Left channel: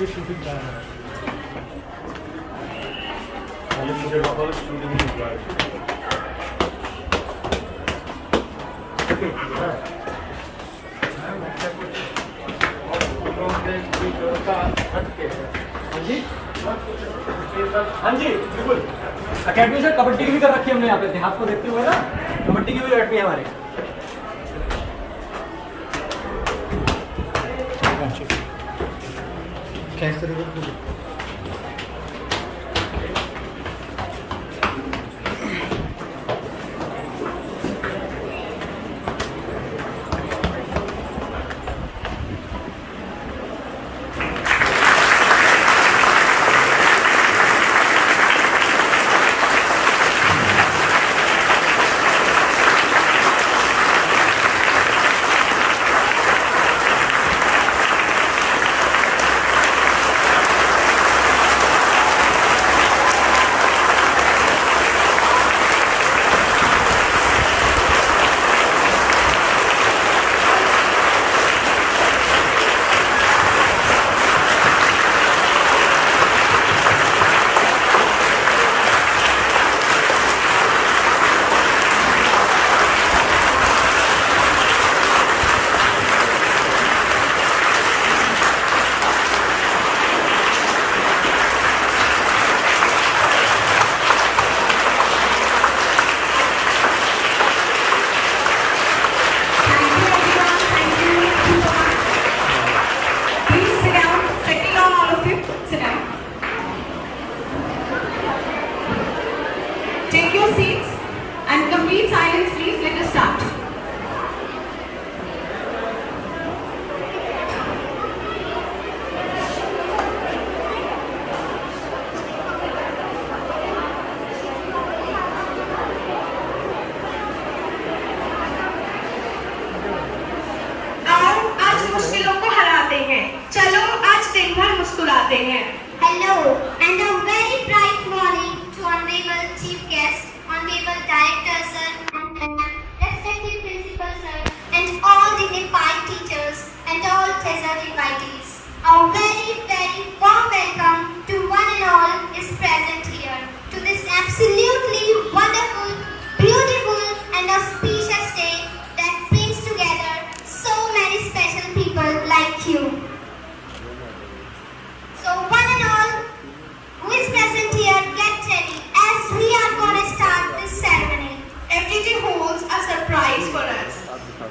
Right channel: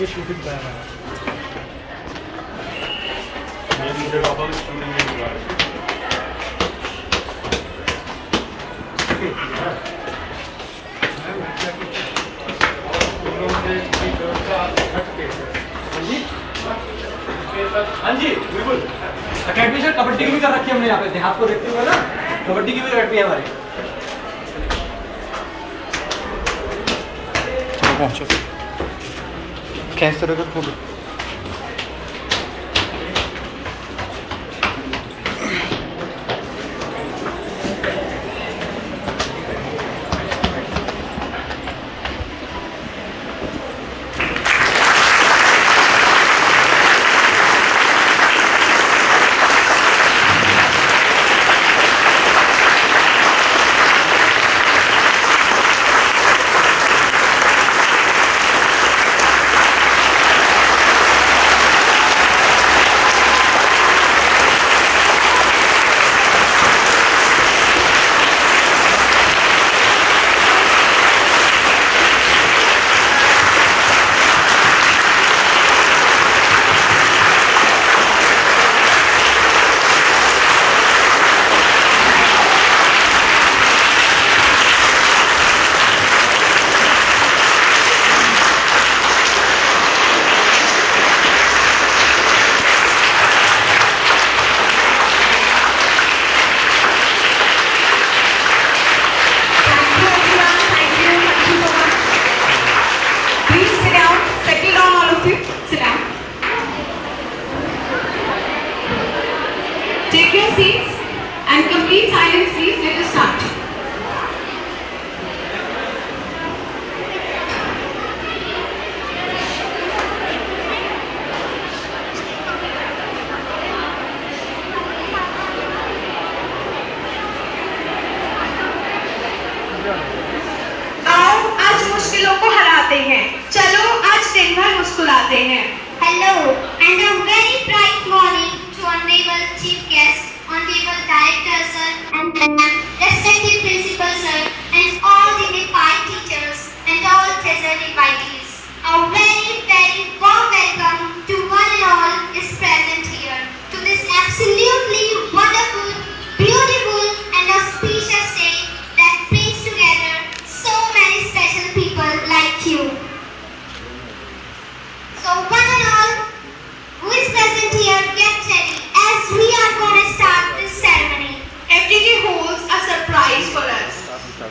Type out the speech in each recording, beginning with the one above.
ये शूटिंग का है हमारा। हाँ जी बिल्कुल। अकेडमी से कबड्डी की भी कर रखी है हमने यहाँ पे, देहात को देखते हुए ना कबड्डी की भी अकेडमी है हमारी। पहुँचो कैसे रहेगा photo. Take your seats and complete silence, please. Let us start. आओ आज मुश्किलों को हराते हैं, चलो आज दिन भर मुस्कुराते हैं। Hello and a very bright morning to honorable chief guest, honorable director sir and respected principal sir and all dignified teachers and all treasured invitees. A very warm welcome to one and all is present here to this absolutely wonderful, beautiful and auspicious day that brings together so many special people like you. So one and all who is present here, get ready as we are going to start this ceremony. FGT holds surprise for us.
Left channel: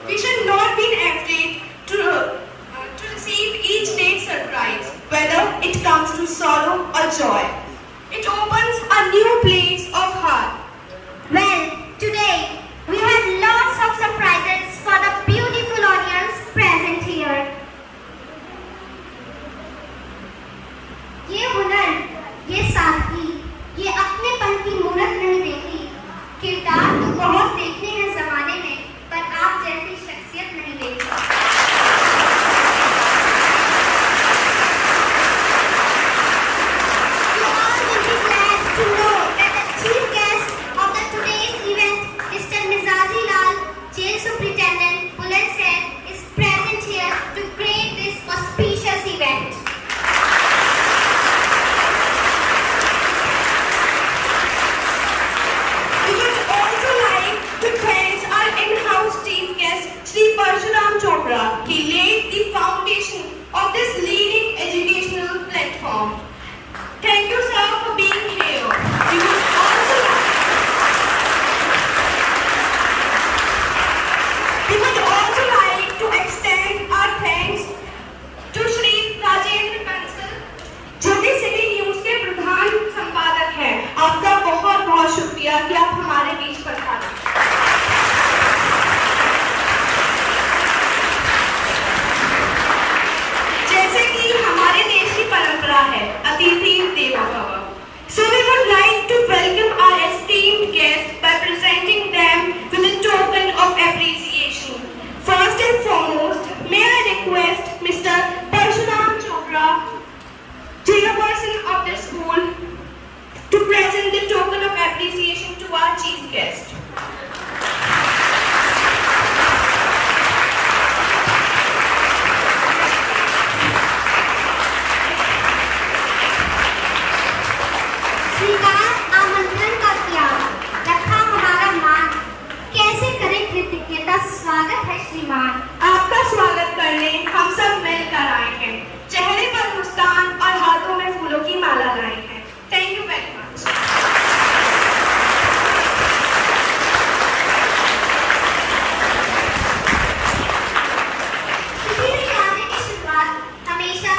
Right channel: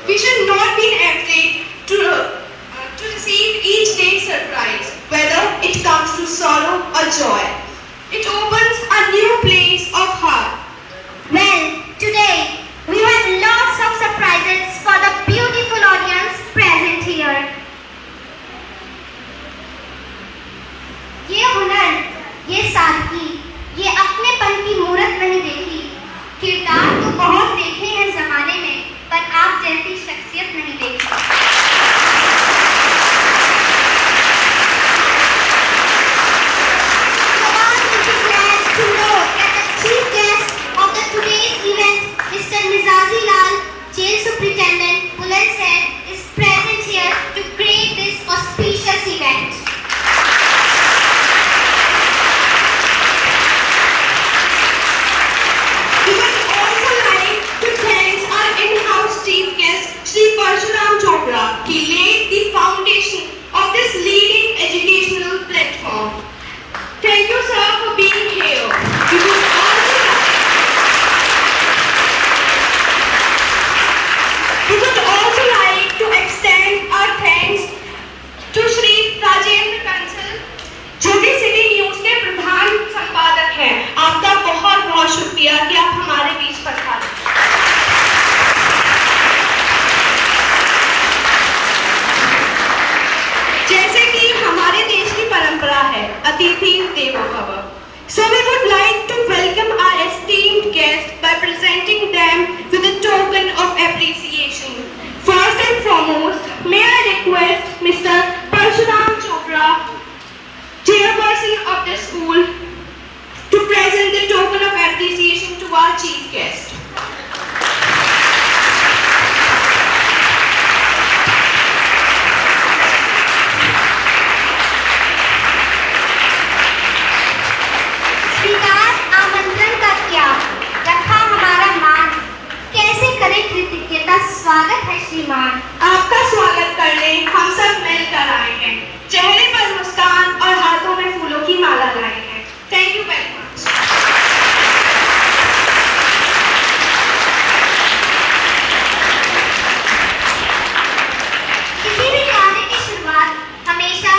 We should not be afraid to receive each day's surprise, whether it comes to sorrow or joy. It opens a new place of heart. Well, today we have lots of surprises for the beautiful audience present here. ये हुनर, ये सादगी, ये अपनेपन की मूरत नहीं देखी। किरदार तो बहुत देखे हैं जमाने में, पर आप जैसी शख्सियत नहीं देखी। You all will be glad to know that the chief guest of the today's event, Mr. Mizazi Lal, Jail Superintendent, Bulandshahr, is present here to create this auspicious event. We would also like to thank our in-house chief guest, Shri Parshuram Chopra. He laid the foundation of this leading educational platform. Thank you, sir, for being here. We would also like to extend our thanks to Shri Rajendra Kansal, जो कि city news के प्रधान संपादक हैं। आपका बहुत बहुत शुक्रिया कि आप हमारे बीच पधारे। जैसे कि हमारे देश की परंपरा है, अतिथि देवो भव। So we would like to welcome our esteemed guests by presenting them with a token of appreciation. First and foremost, may I request Mr. Parshuram Chopra, chairperson of the school, to present the token of appreciation to our chief guest. स्वीकार आमंत्रण का त्याग, रखा हमारा मान, कैसे करें कृतज्ञता। स्वागत है श्रीमान। आपका स्वागत करने हम सब मिलकर आए हैं। चेहरे पर मुस्कान और हाथों में फूलों की माला लाए हैं। Thank you very much. किसी भी कार्य की शुरुआत हमेशा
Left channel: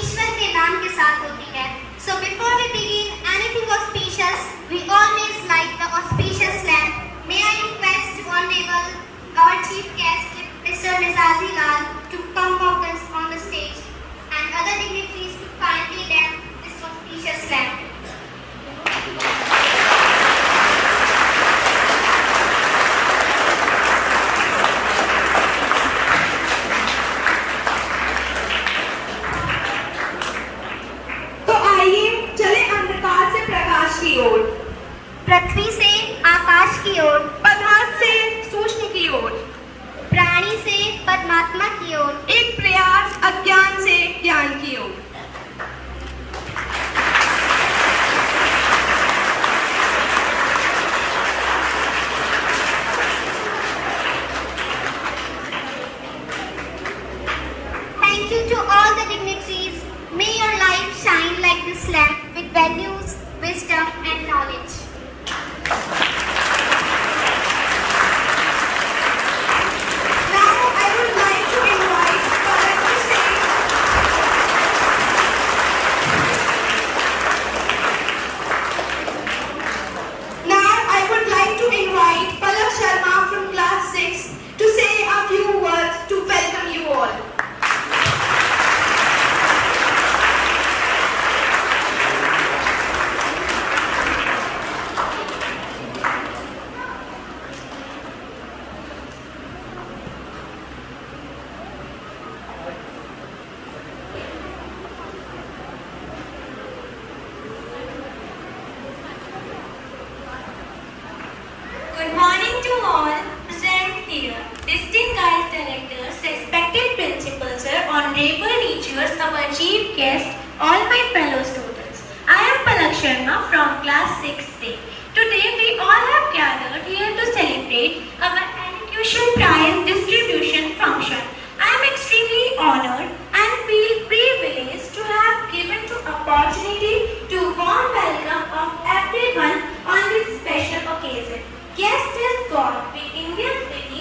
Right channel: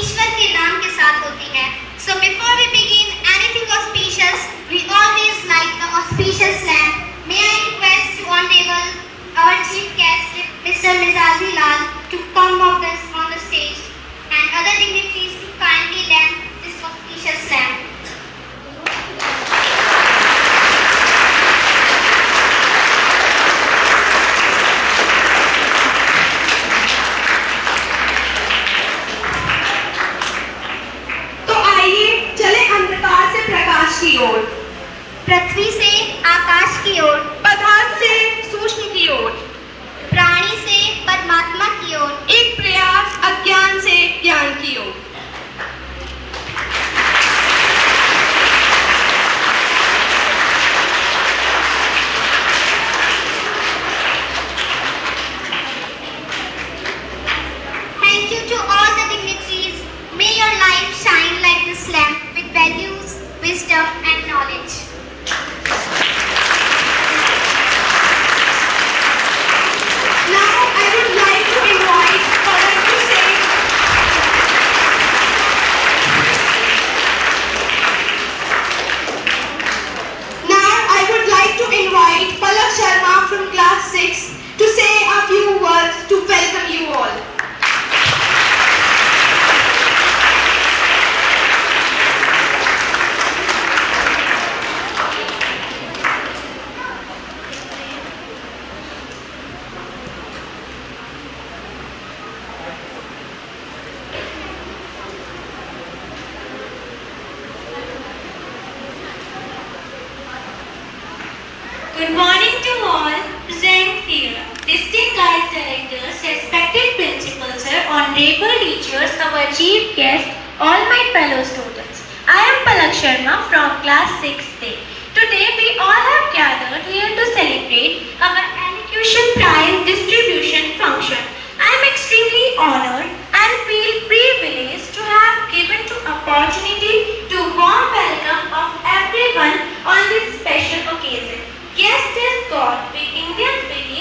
ईश्वर के नाम के साथ होती है। So before we begin anything auspicious, we always like the auspicious slam. May I request Honorable our chief guest, Mr. Mizazi Lal, to come up on the stage and other dignitaries to kindly lend this auspicious slam. तो आइए चले अंधकार से प्रकाश की ओर, पृथ्वी से आकाश की ओर, पदार्थ से सूक्ष्म की ओर, प्राणी से परमात्मा की ओर, एक प्रयास अज्ञान से ज्ञान की ओर। Thank you to all the dignitaries. May your life shine like this lamp with values, wisdom and knowledge. Now I would like to invite Palak to say. Now I would like to invite Palak Sharma from class 6 to say a few words to welcome you all. Good morning to all present here, distinct guest directors, respected principals, sir, honorable teachers, our chief guest, all my fellow students. I am Palak Sharma from class 6A. Today we all have gathered here to celebrate our elocution prize distribution function. I am extremely honored and feel privileged to have given to opportunity to warm welcome of everyone on this special occasion. Guest is God, we Indians believe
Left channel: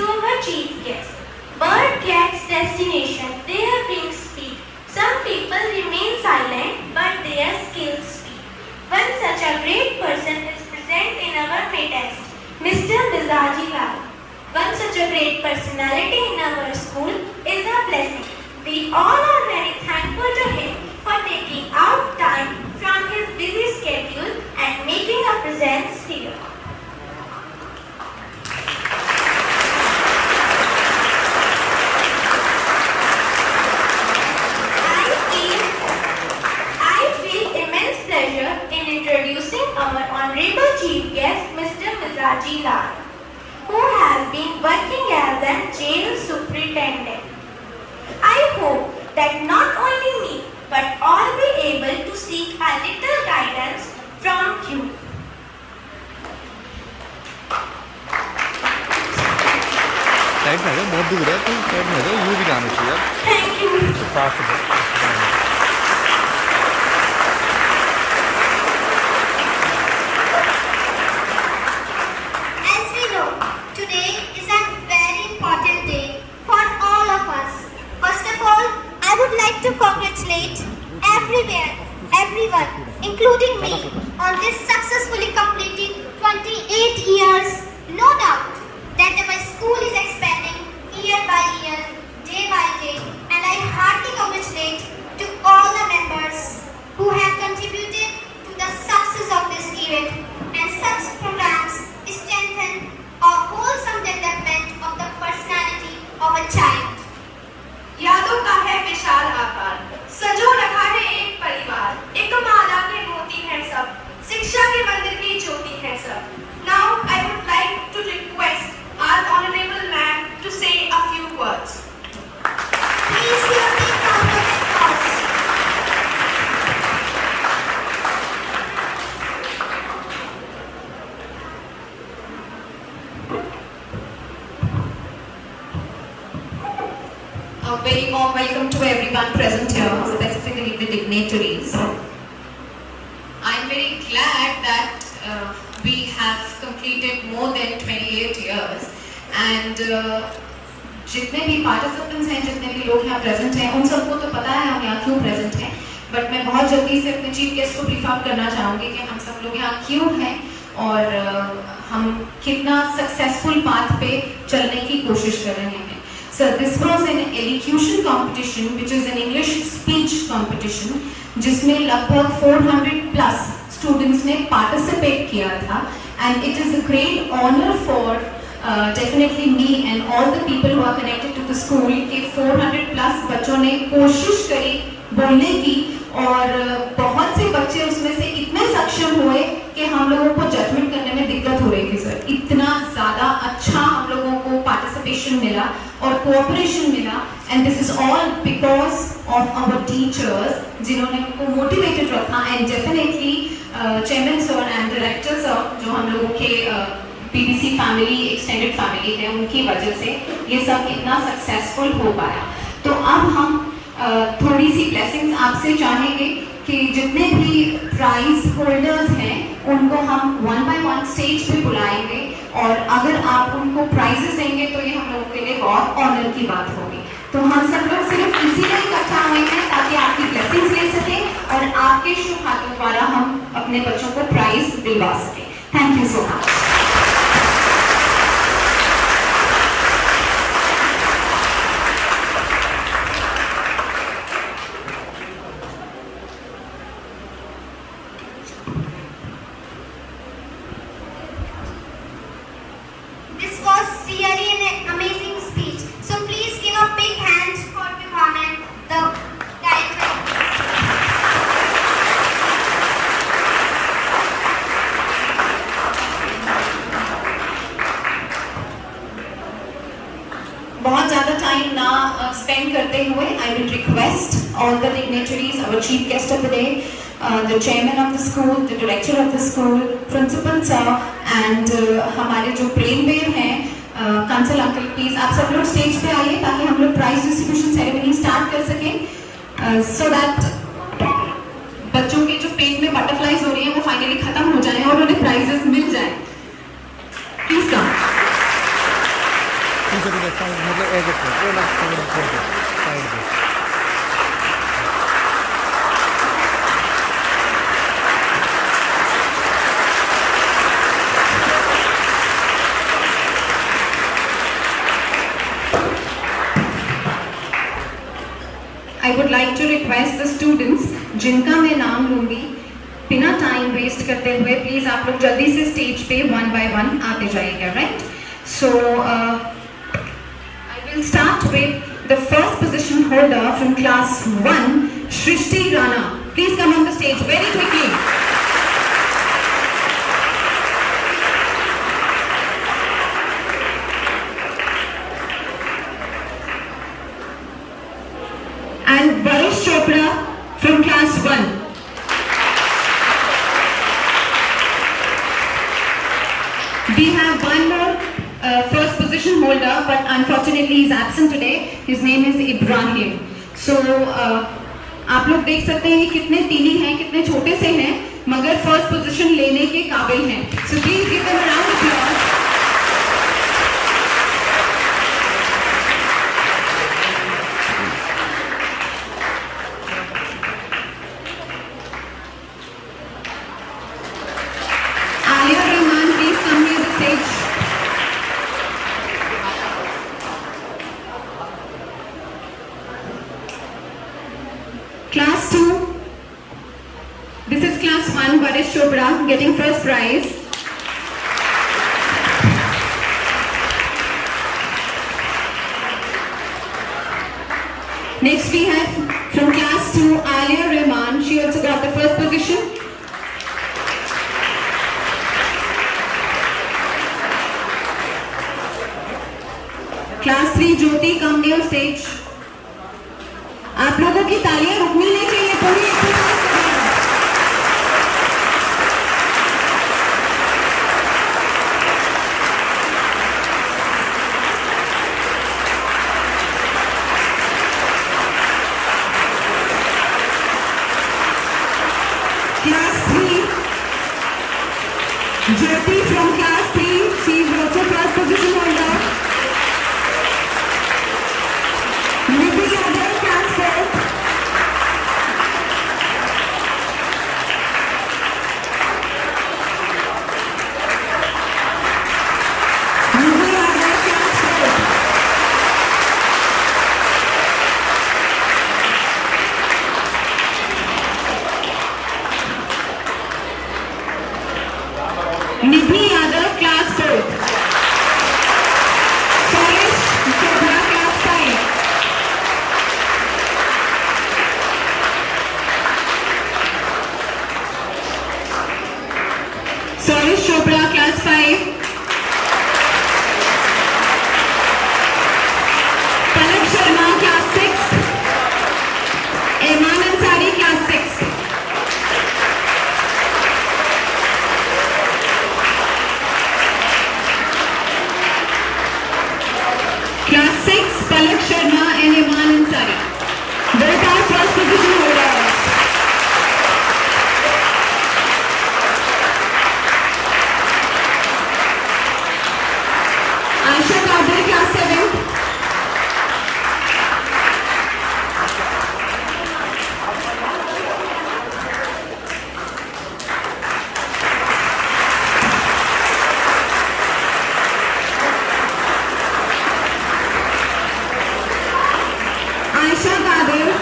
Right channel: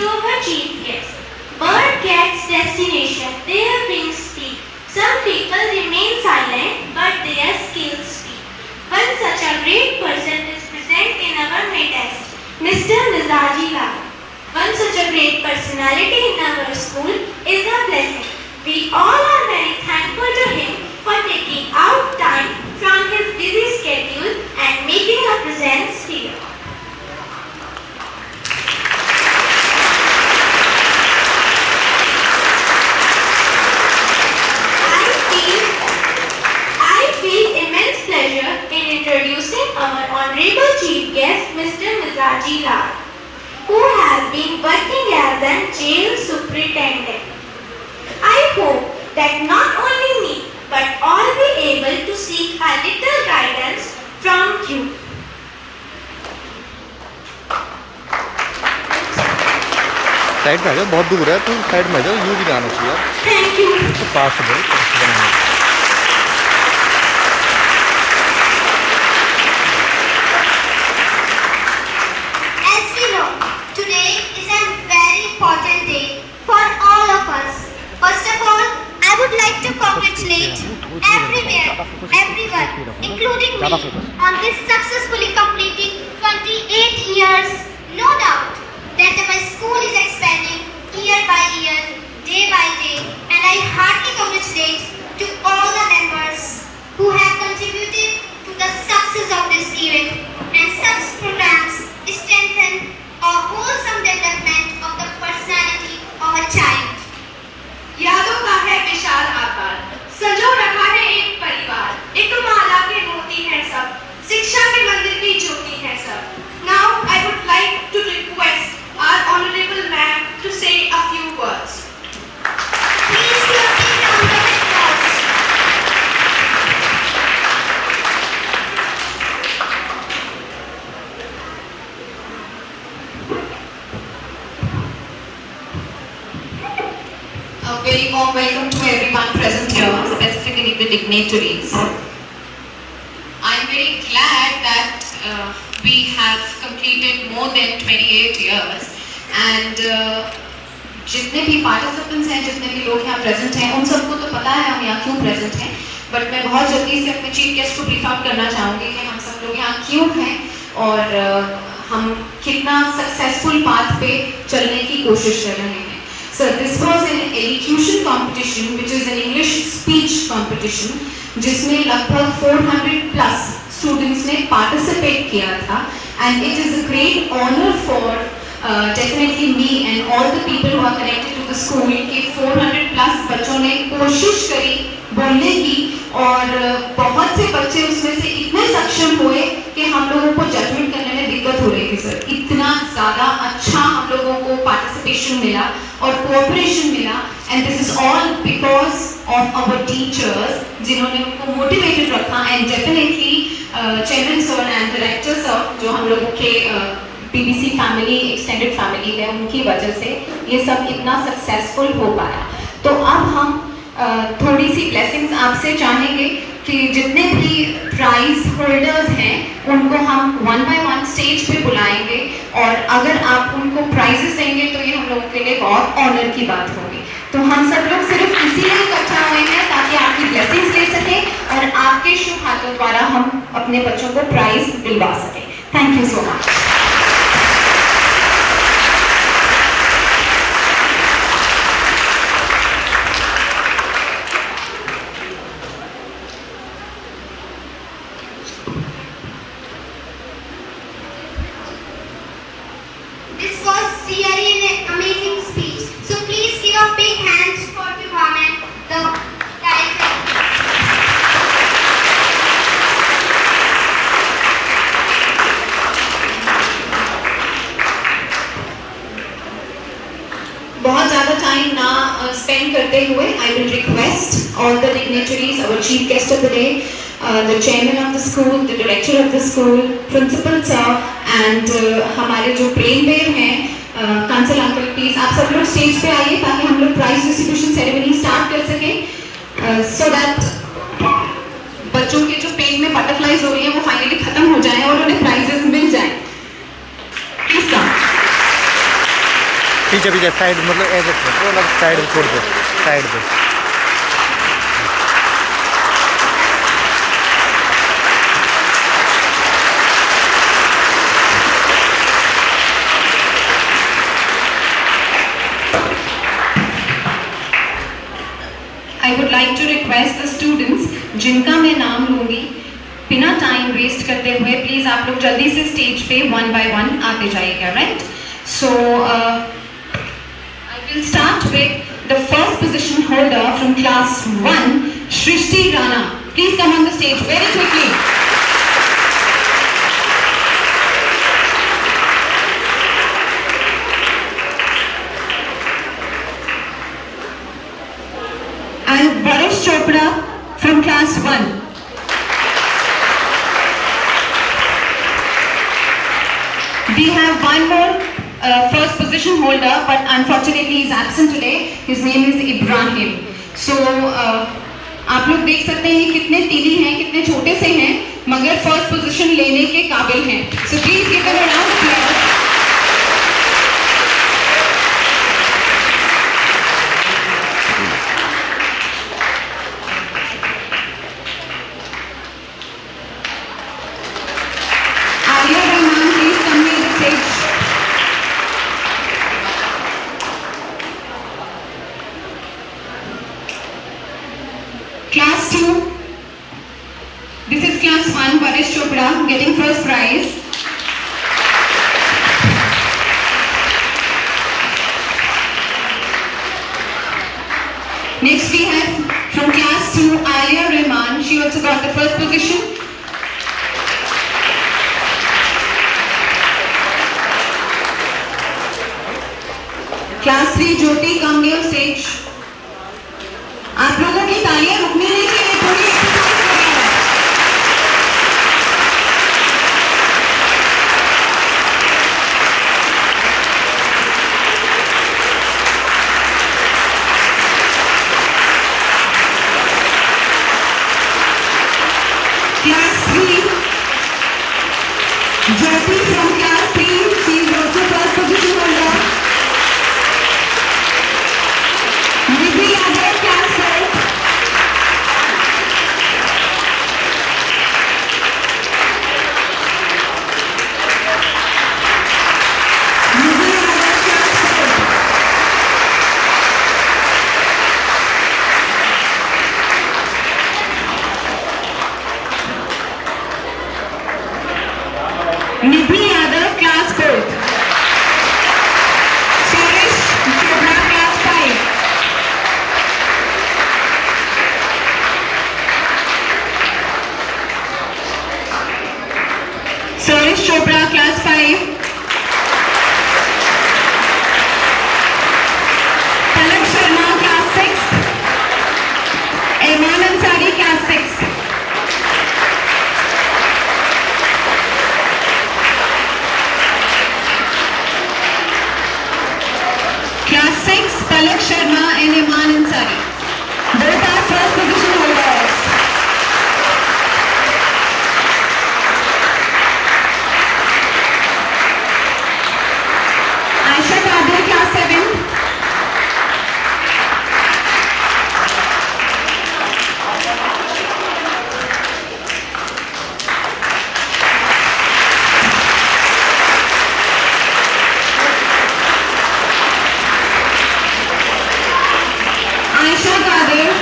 to our chief guest. Bird gets destination, their wings speak. Some people remain silent, but their skills speak. One such a great person is present in our midst, Mr. Mizaji Lal. One such a great personality in our school is a blessing. We all are very thankful to him for taking out time from his busy schedule and making a presence here. I feel immense pleasure in introducing our honorable chief guest, Mr. Mizaji Lal, who has been working as a jail superintendent. I hope that not only me, but all be able to seek a little guidance from you. Side में आ जाओ, बहुत दूर है तो side में आ जाओ, यूं भी जाना चाहिए यार। Thank you. As we know, today is a very important day for all of us. First of all, I would like to congratulate everyone, including me, on this successfully completing 28 years. No doubt that our school is expanding year by year, day by day, and I heartily congratulate to all the members who have contributed to the success of this event, and such programs strengthen a wholesome development of the personality of a child. यादों का है विशाल आकार, संजो रखा है एक परिवार, एक माला के मोती हैं सब, शिक्षा के मंदिर की ज्योति है सब. Now I would like to request our honorable ma'am to say a few words. Please give a big round of applause. A very warm welcome to everyone present here, specifically the dignitaries. I am very glad that we have completed more than 28 years and जितने भी participants हैं, जितने भी लोग यहाँ present हैं, उन सबको तो पता है हम यहाँ क्यों present हैं, but मैं बहुत जल्दी से अपने chief guest को brief out करना चाहूँगी कि हम सब लोग यहाँ क्यों हैं और हम कितना successful path पे चलने की कोशिश कर रहे हैं. So this was an elocution competition, which is an English speech competition, जिसमें लगभग 400 plus students ने participate किया था, and it is a great honor for definitely me and all the people who are connected to the school कि 400 plus बच्चों ने कोशिश करी बोलने की और बहुत से बच्चे उसमें से इतने सक्षम हुए कि हम लोगों को जजमेंट करने में दिक्कत हो रही थी सर. इतना ज़्यादा अच्छा हम लोगों को पार्टिसिपेशन मिला और कोऑपरेशन मिला, and this is all because of our teachers जिन्होंने उनको मोटिवेटेड रखा, and definitely chairman sir and director sir जो हम लोगों के पीबीसी फैमिली एक्सटेंडेड फैमिली है, उनकी वजह से ये सब इतना सक्सेसफुल हो पाया. तो अब हम थोड़ी सी ब्लेसिंग्स आपसे चाहेंगे कि जितने भी प्राइज होल्डर्स हैं उनको हम वन बाय वन स्टेज पे बुलाएंगे, और अगर आप उनको प्राइजेस देंगे तो ये हम लोगों के लिए बहुत ऑनर की बात होगी. तो हम सब लोग सिर्फ इसीलिए इकट्ठा हुए हैं ताकि आपकी ब्लेसिंग्स ले सकें और आपके शुभ हाथों द्वारा हम अपने बच्चों को प्राइज दिलवा सकें. Thank you so much. This was really an amazing speech. So please give a big hand for Vivaman, the director. बहुत ज़्यादा टाइम ना स्पेंड करते हुए I will request all the dignitaries, our chief guest of the day, the chairman of the school, the director of the school, principal sir, and हमारे जो brain wave हैं Kansal uncle, please आप सब लोग stage पे आइए ताकि हम लोग प्राइज डिस्ट्रीब्यूशन सेरेमनी स्टार्ट कर सकें, सो दैट बच्चों के जो पेट में बटरफ्लाइज हो रही है वो फाइनली खत्म हो जाए और उन्हें प्राइजेस मिल जाए. Please come. पीछे पीछे साइड मतलब ऐसे छोड़ दो, साइड पे छोड़ दो, साइड पे। I would like to request the students जिनका मैं नाम लूंगी, बिना टाइम वेस्ट करते हुए प्लीज आप लोग जल्दी से स्टेज पे वन बाय वन आते जाइएगा, right? So I will start with the first position holder from class 1, Srishti Rana. Please come on the stage very quickly. And Varish Chopra from class 1. We have one more first position holder, but unfortunately he is absent today. His name is Ibrahim. So आप लोग देख सकते हैं कितने Tilly हैं, कितने छोटे से हैं, मगर फर्स्ट पोजीशन लेने के काबिल हैं. So please give them a round of applause. Alia Rahman, please come near the stage. Class 2. This is class 1, Varish Chopra getting first prize. Next we have from class 2, Alia Rahman. She also got the first position. Class 3, Jyoti, come near stage. आप लोगों की तालियां रुकनी नहीं चाहिए, पूरी exercise करिएगा. Class 3, Jyoti from class 3, she is also first position holder. Nidhi Yadav, class 4. Nidhi Yadav, class 4. Nidhi Yadav, class 4. Cherish Chopra, class 5. Cherish Chopra, class 5. Palak Sharma, class 6. Iman Ansari, class 6. Class 6, Palak Sharma and Iman Ansari. Both are first position holders. Aisha Kadir, class 7. Aisha Kadir,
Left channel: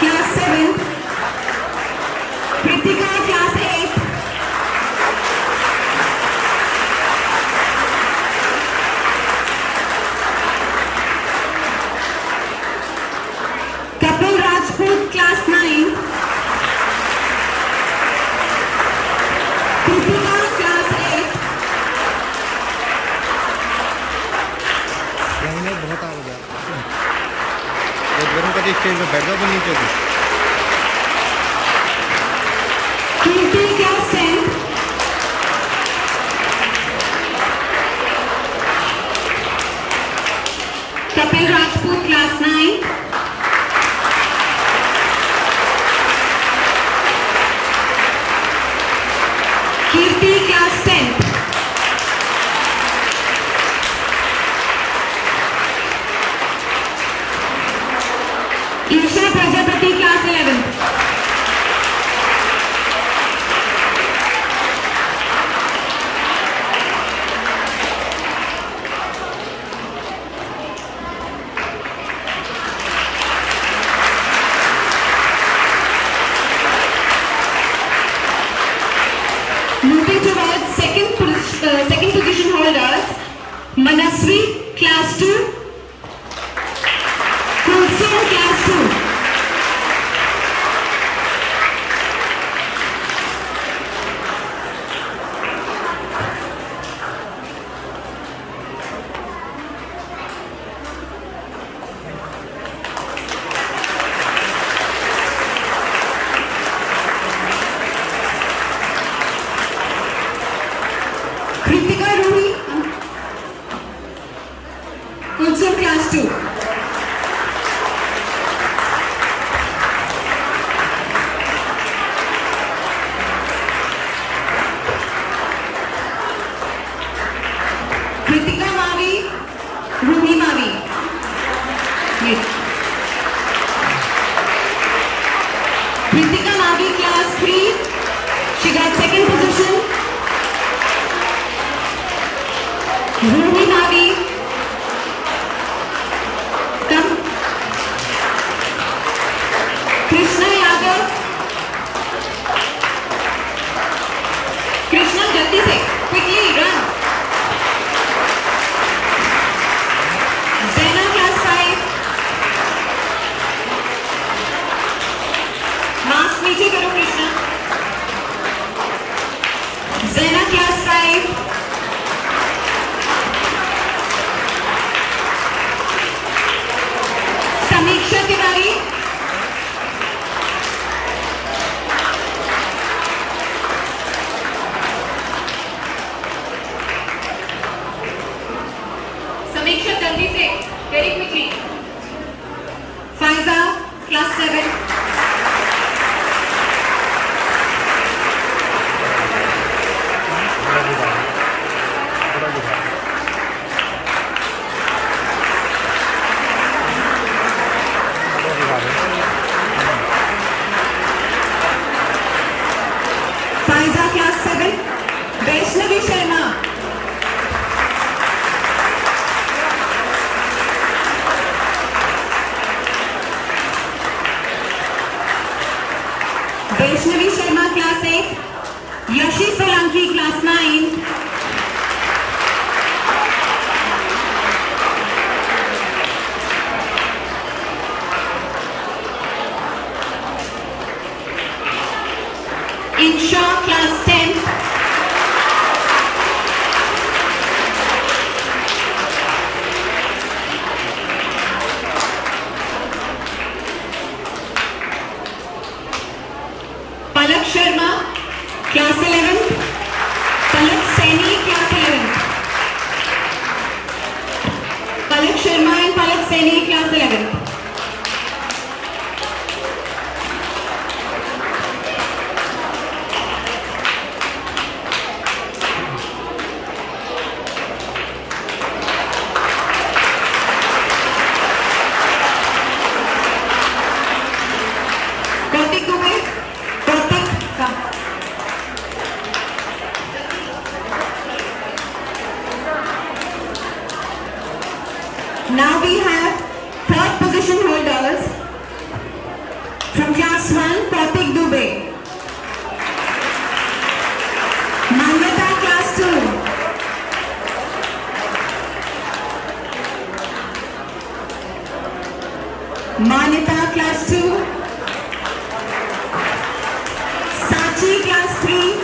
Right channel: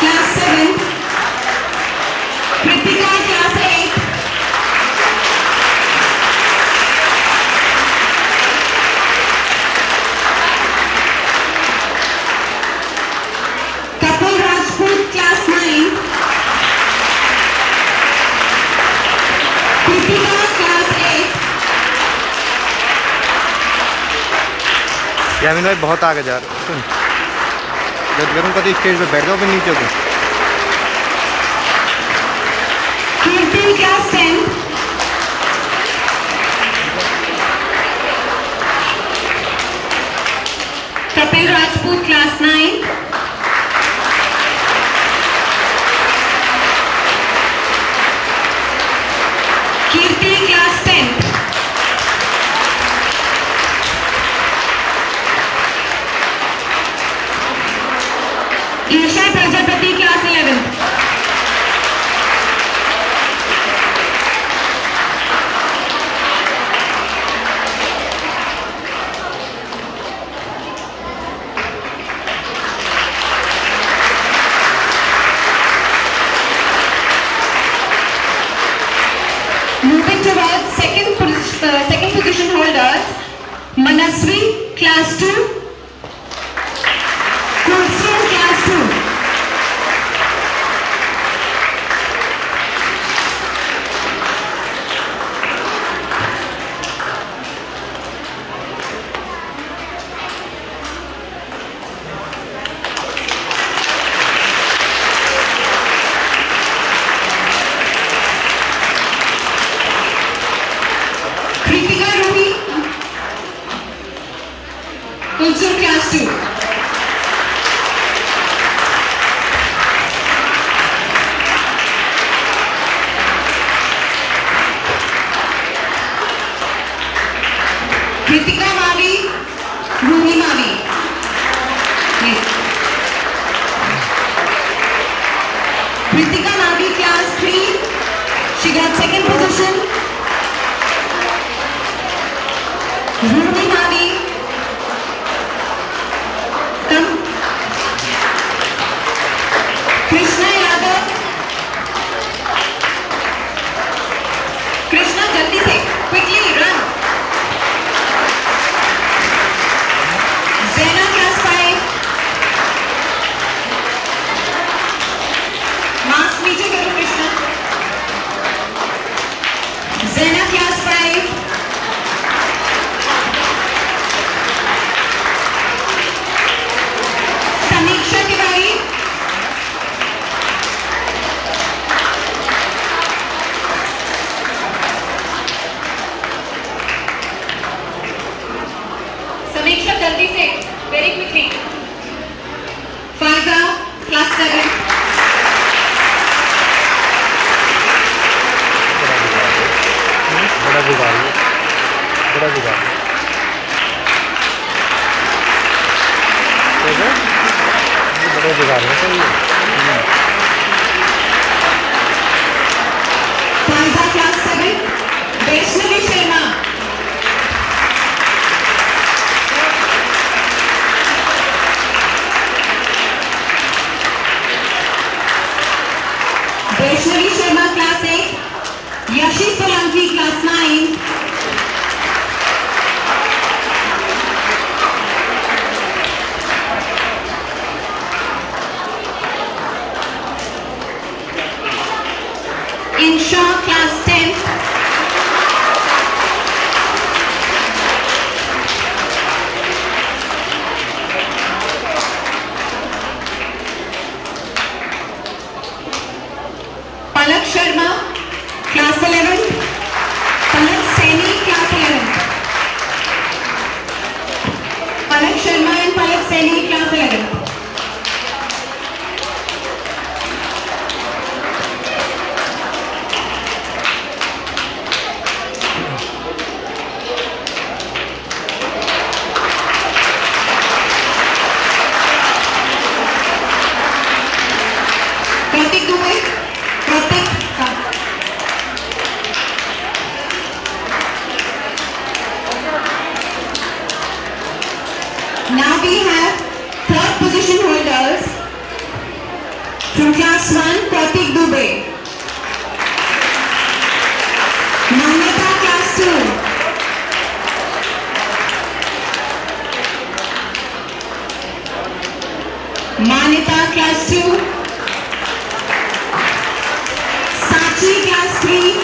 class 7. Kritika, class 8. Kapil Rajput, class 9. Kritika, class 8. Yamin भाई बहुत आगे जा रहे तुम, जब करूँ कभी stage पे बैठ जाओ फिर नीचे को. Kirti, class 10. Kapil Rajput, class 9. Kirti, class 10. Moving towards second position holders, Manaswi, class 2, Kulsum, class 2. Kritika Ruhi, Kulsum, class 2. Kritika Mavi, Ruhi Mavi. Yes. Kritika Mavi, class 3. She got second position. Ruhi Mavi. Come. Krishna Yadav. Krishna, jaldi se, quickly run. Zena, class 5. Mask नीचे करो Krishna. Zena, class 5. समीक्षा तिवारी. समीक्षा जल्दी से, very quickly. Pfizer, class 7. Pfizer, class 7. Vaishnavi Sharma. Vaishnavi Sharma, class 8. Yeshi Solanki, class 9. Insha, class 10. Palak Sharma, class 11. Palak Saini, class 11. Palak Sharma and Palak Saini, class 11. Kartik Dubey. Kartik, come. Now we have third position holders from class 1, Kartik Dubey. Mangata, class 2. Manita, class 2. Sachi, class 3.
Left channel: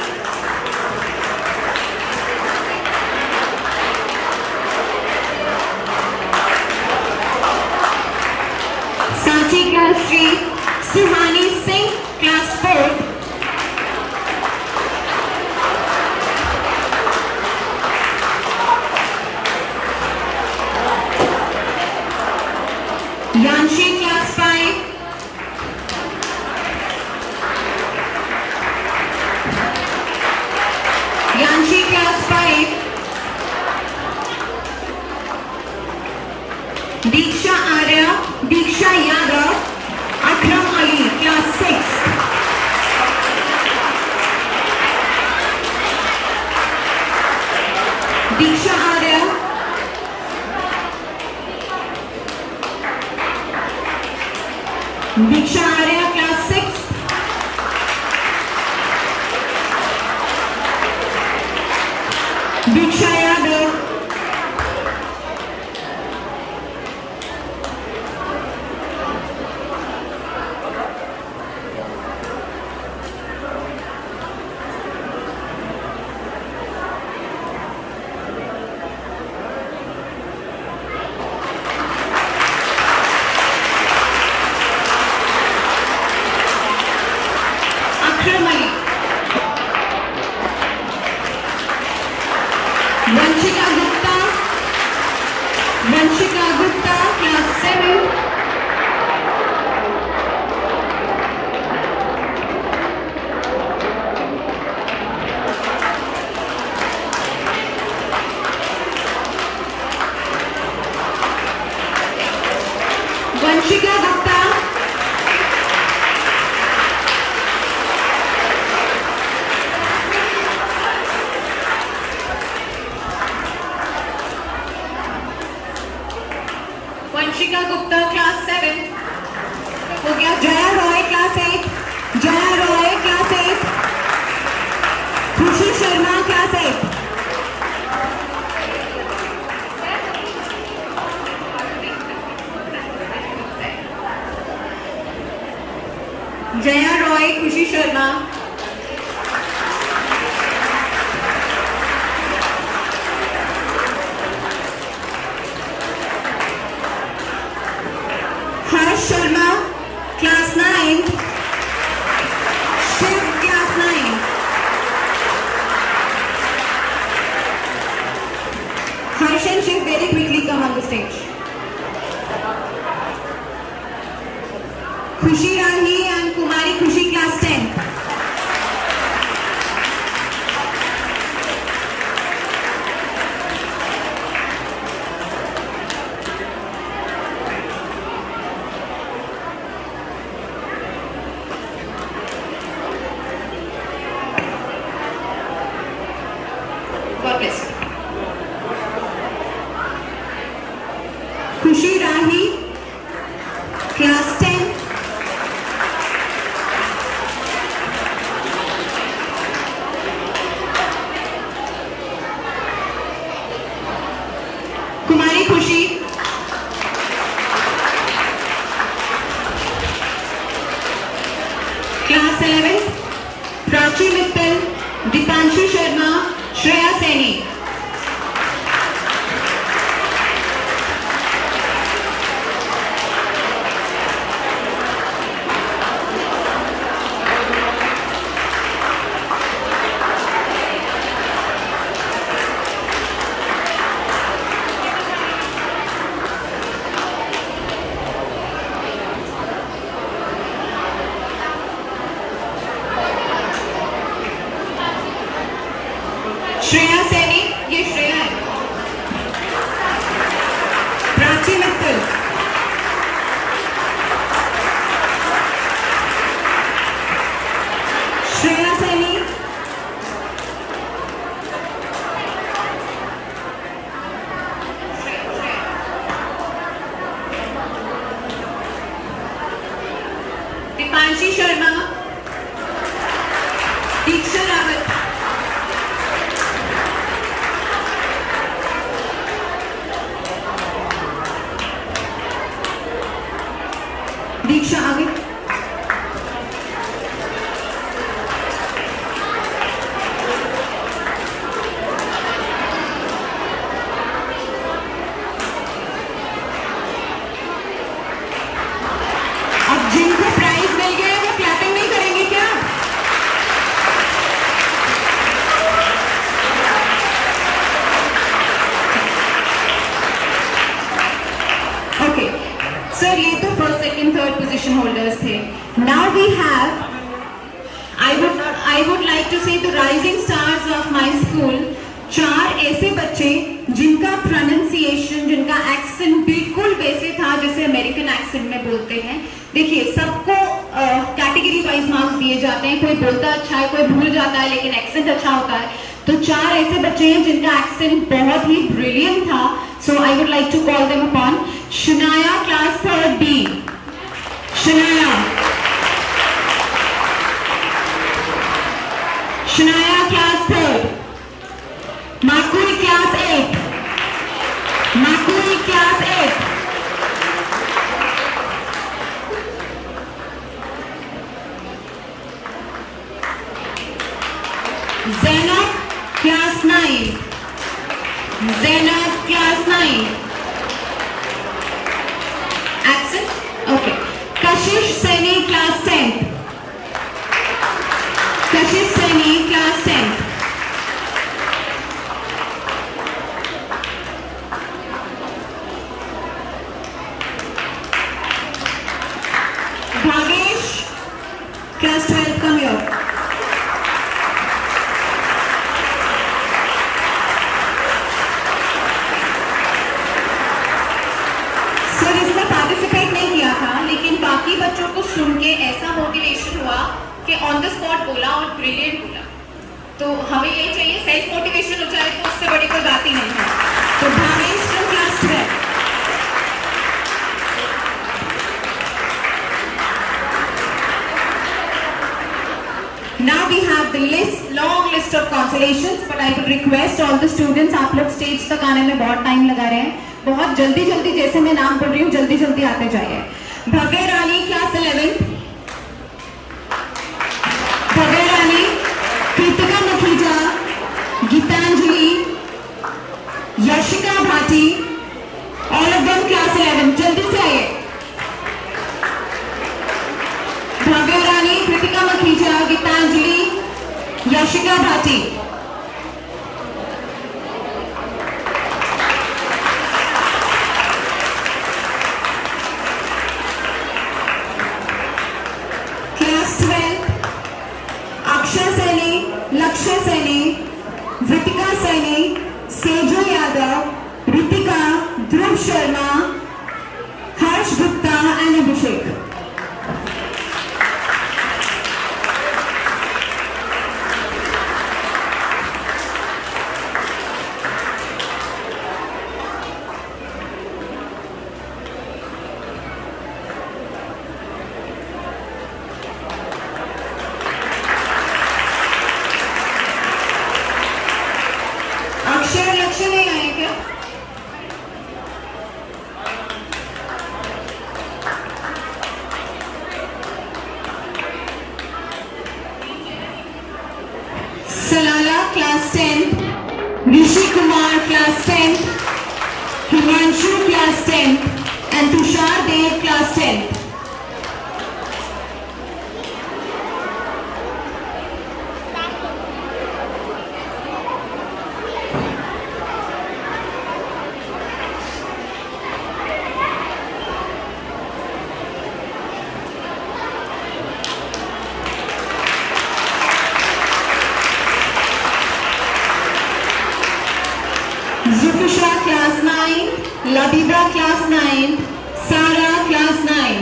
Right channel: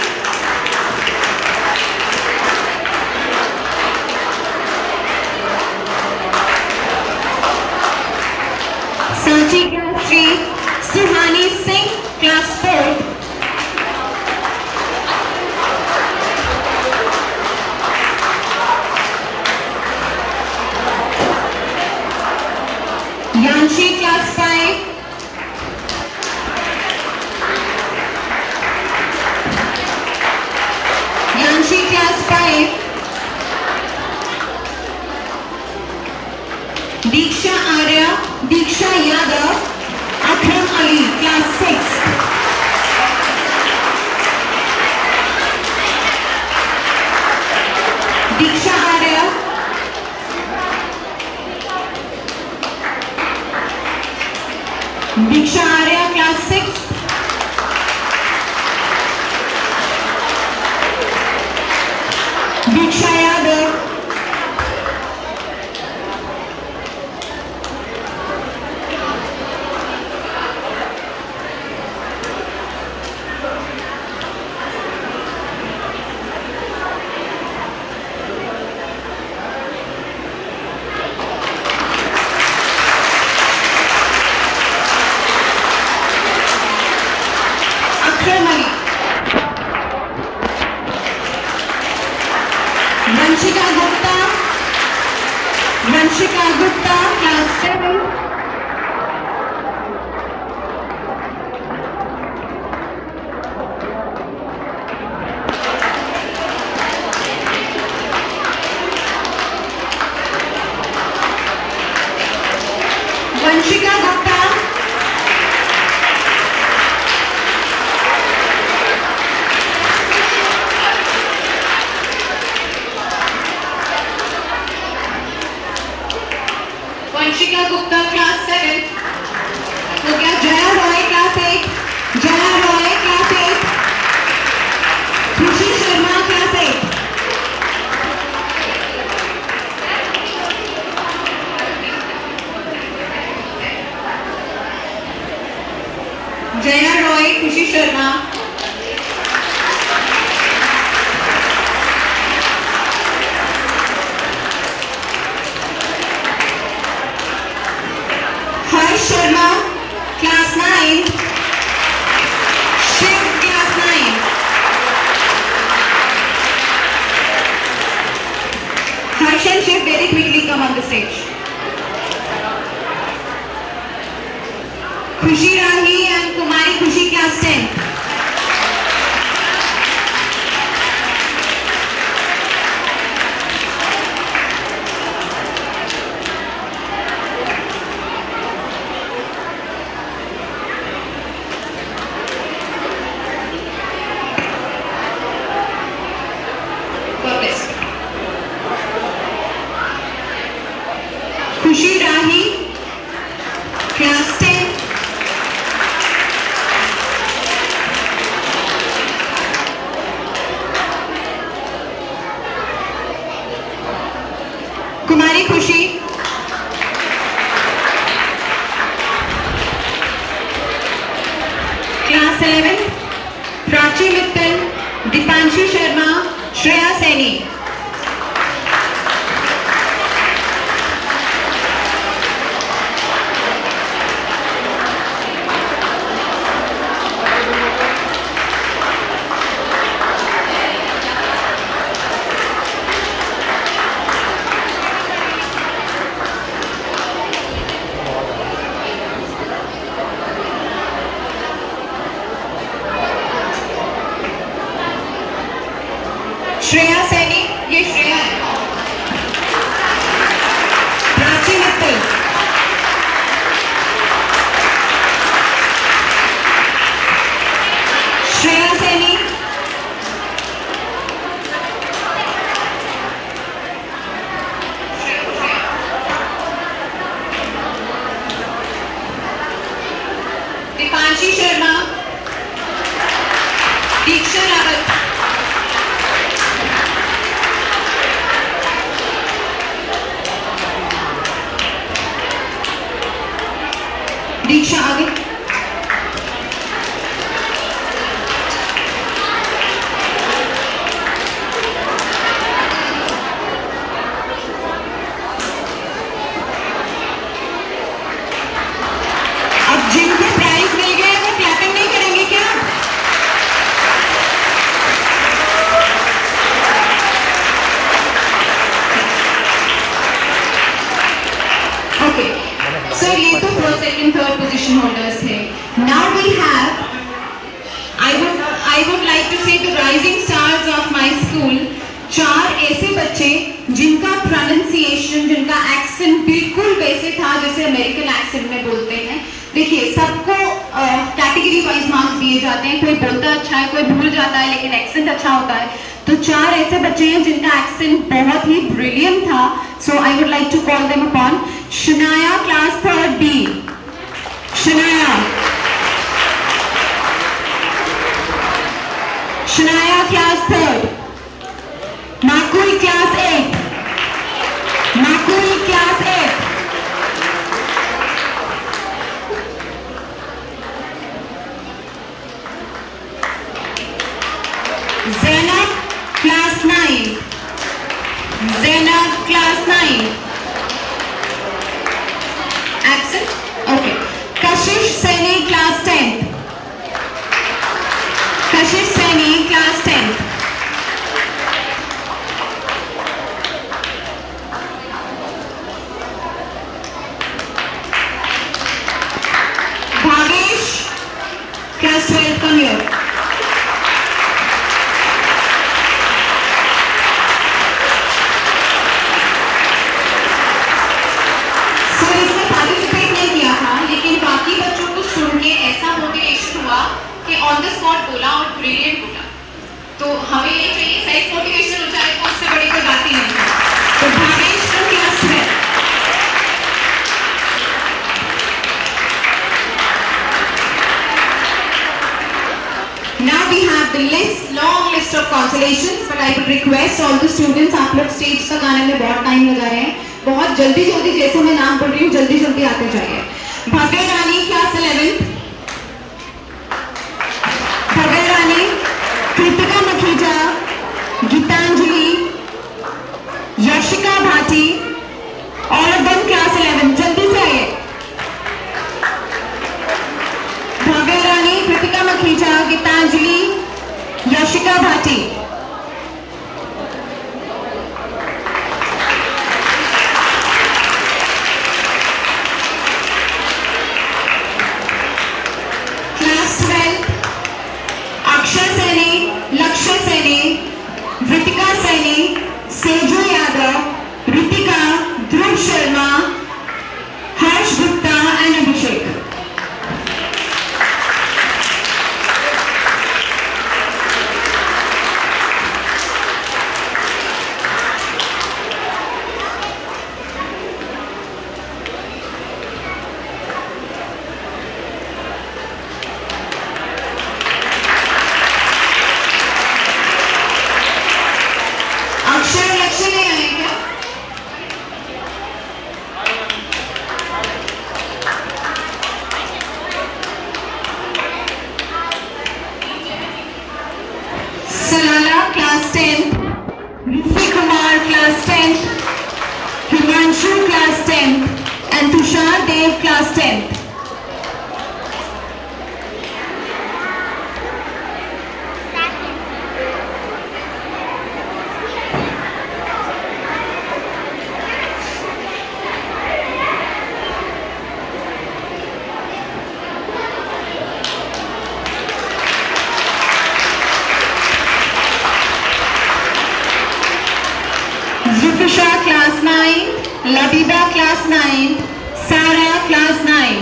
Sachi, class 3. Suhani Singh, class 4. Yanshi, class 5. Yanshi, class 5. Diksha Arya, Diksha Yadav, Akram Ali, class 6. Diksha Arya. Diksha Arya, class 6. Vanshika Gupta, class 7. Vanshika Gupta, Vanshika Gupta, class 7. हो गया. Jaya Roy, class 8. Jaya Roy, class 8. Khushi Sharma, class 8. Jaya Roy, Khushi Sharma. Harsh Sharma, class 9. Shiv, class 9. Harsh and Shiv, very quickly come on the stage. Khushi Rahi and Kumari Khushi, class 10. God bless. Khushi Rahi, class 10. Kumari Khushi, class 11. Prachi Mittal, Dipanshi Sharma, Shreya Saini. Shreya Saini, ये श्रेया है. प्राची मित्तल, श्रेया सैनी, दीपांशी शर्मा, दीक्षा रावत, दीक्षा आगे. अब जिनको prize मिल गया वो clapping नहीं करेंगे क्या? ओके सर, ये तो first second third position holders थे. Now we have, I would like to say the rising stars of my school. 4 ऐसे बच्चे जिनका प्रोनाउंसिएशन, जिनका एक्सेंट बिल्कुल वैसे था जैसे अमेरिकन एक्सेंट में बोलते हैं. देखिए, सबको कैटेगरी वाइज मार्क्स दिए जाते हैं. कोई बोलता अच्छा है, कोई भूल जाता है, लेकिन एक्सेंट अच्छा होता है. तो 4 ऐसे बच्चे हैं जिनका एक्सेंट बहुत ही ब्रिलियंट था. So I would like to call them upon. Shanaya, class 3rd B. Shanaya. Shanaya, class 3rd. Makui, class 8. Makui, class 8. Zainab, class 9. Zainab, class 9. Accent? Okay. Kashish Saini, class 10. Kashish Saini, class 10. Brilliant Kota. तो हमें ये चाहिए self motivation हो जाए तो उससे बड़ी कोई बात ही नहीं है। तो Bhavesh from class 12। Now we have the long list of consolations, but I would request all the students, आप लोग स्टेज तक आने में बहुत टाइम लगा रहे हैं, बहुत जल्दी जल्दी जैसे मैं नाम पढ़ रही हूँ जल्दी जल्दी आते जाइए। Bhavya Rani class 11, Bhavya Rani, Kritika Makhija, Geetanjali, Yashika Bhati, all of them class 11, जल्दी से आइए। भव्य रानी, कृतिका मखीजा, गीतांजलि, यशिका भाटी। Class 12, Akshay Saini, Lakshya Saini, Vritika Saini, Sejo Yadav, Ritika, Dhruv Sharma, Harsh Gupta and Abhishek. अक्षर लक्ष्य नहीं आए क्या? सलाला class 10, Rishi Kumar class 10, Himanshu class 10 and Tushar Dev class 10। Zufisha class 9, Labiba class 9, Sara class 9.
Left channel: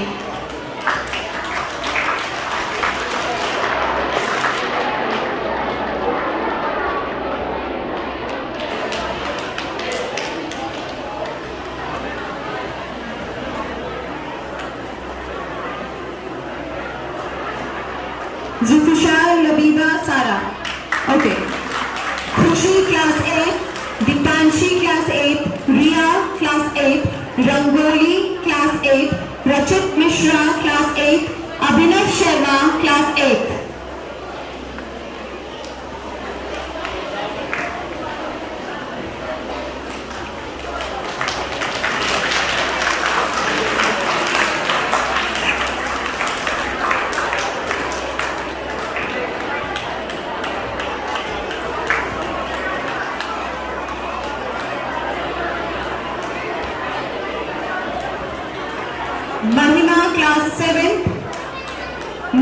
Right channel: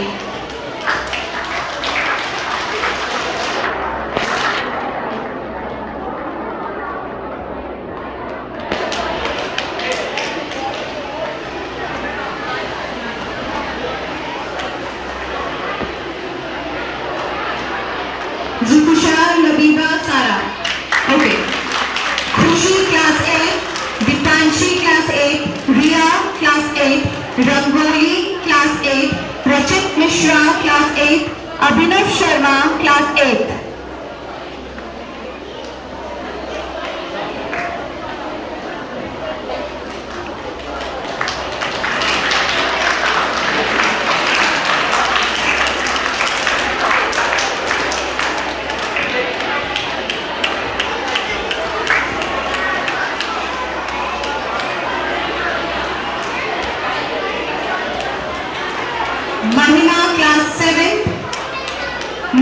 Zufisha, Labiba, Sara. Okay. Khushi class 8, Dipanshi class 8, Riya class 8, Rangoli class 8, Rachit Mishra class 8, Abhinav Sharma class 8. Mahima class 7,